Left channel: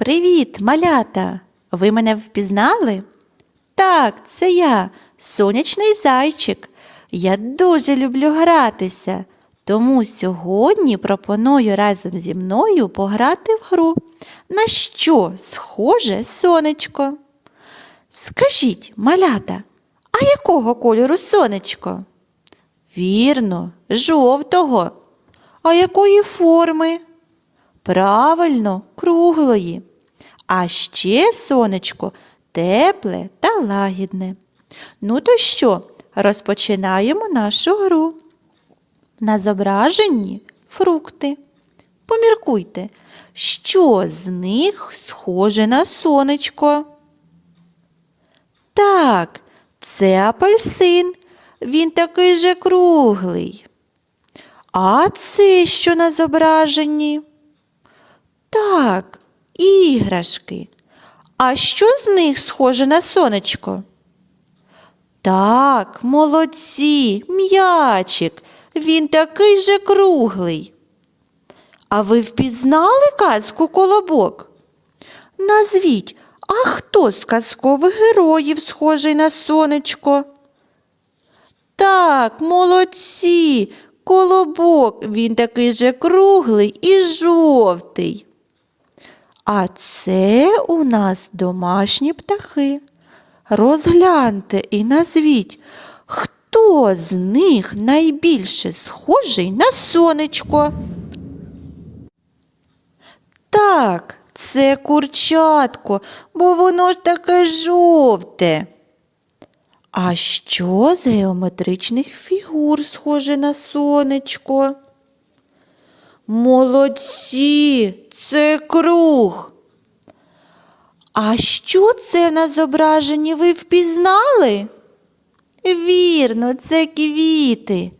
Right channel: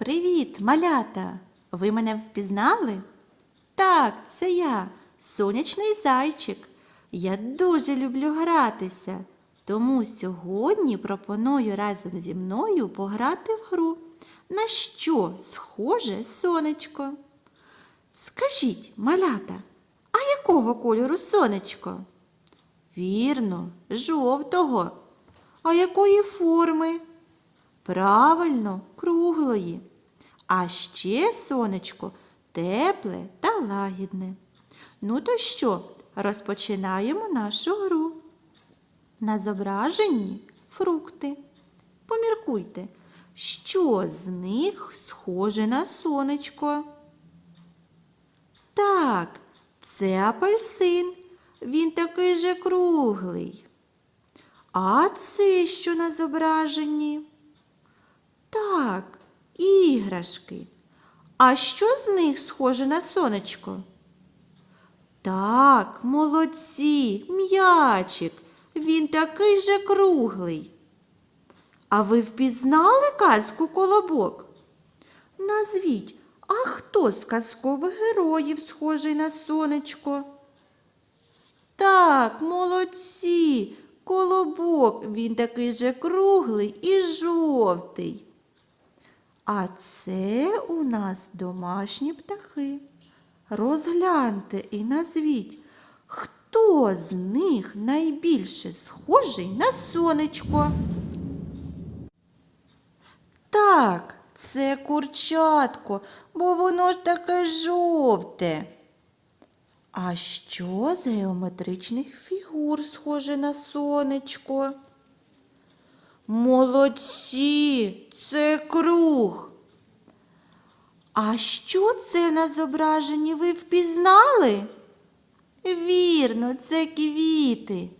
Привіт, малята! Ви мене впізнали? Так, це я, сонячний зайчик. Я дуже люблю гратися, тому сьогодні пропоную разом зі мною пограти в гру. На що схоже сонечко? Скажіть, малята, а якого кольору сонечко? Вірно, жовтого. А якої форми? Правильно, круглої. А ще сонечко тепле та лагідне. Ну то що, розпочинаємо нашу гру. На зображенні фрукти. Поміркуйте, що з них схоже на сонечко. Так, це апельсин. Він такий же круглий. А це що на зображенні? Так, іграшки. А що з них схоже на сонечко? Так, молодці, м'ячик. Він такий же круглий. А ви впізнали казку колобок? Назвіть, а хто з казкових героїв схожий на сонечко? Так, молодці, колобок, він такий же круглий і жовтий. А це у нас домашні птахи. Розгляньте і назвіть, хто з них найбільше схожий на сонечко. Так, це курчатко, бо воно ж таке жовте. А що з геометричних фігур схоже на сонечко? Молодці, це круг. А що це на зображенні ви впізнали? Вірно, це квіти.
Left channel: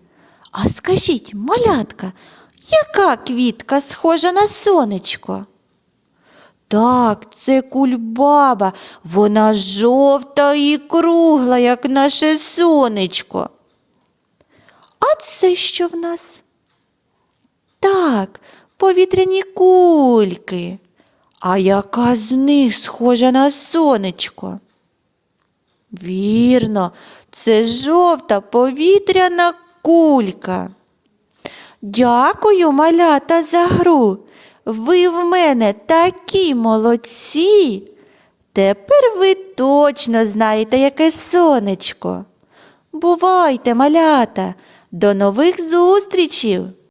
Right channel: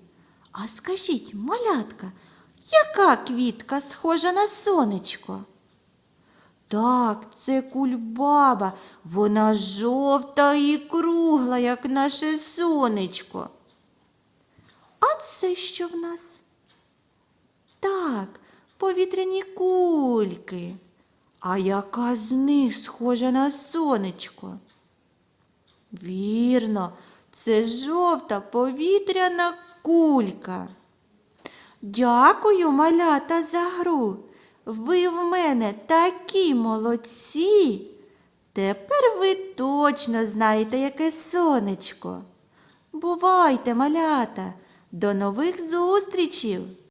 А скажіть, малятка, яка квітка схожа на сонечко? Так, це кульбаба. Вона жовта і кругла, як наше сонечко. А це що в нас? Так, повітряні кульки. А яка з них схожа на сонечко? Вірно, це жовта повітряна кулька. Дякую, малята, за гру. Ви в мене такі молодці. Тепер ви точно знаєте, яке сонечко. Бувайте, малята, до нових зустрічей!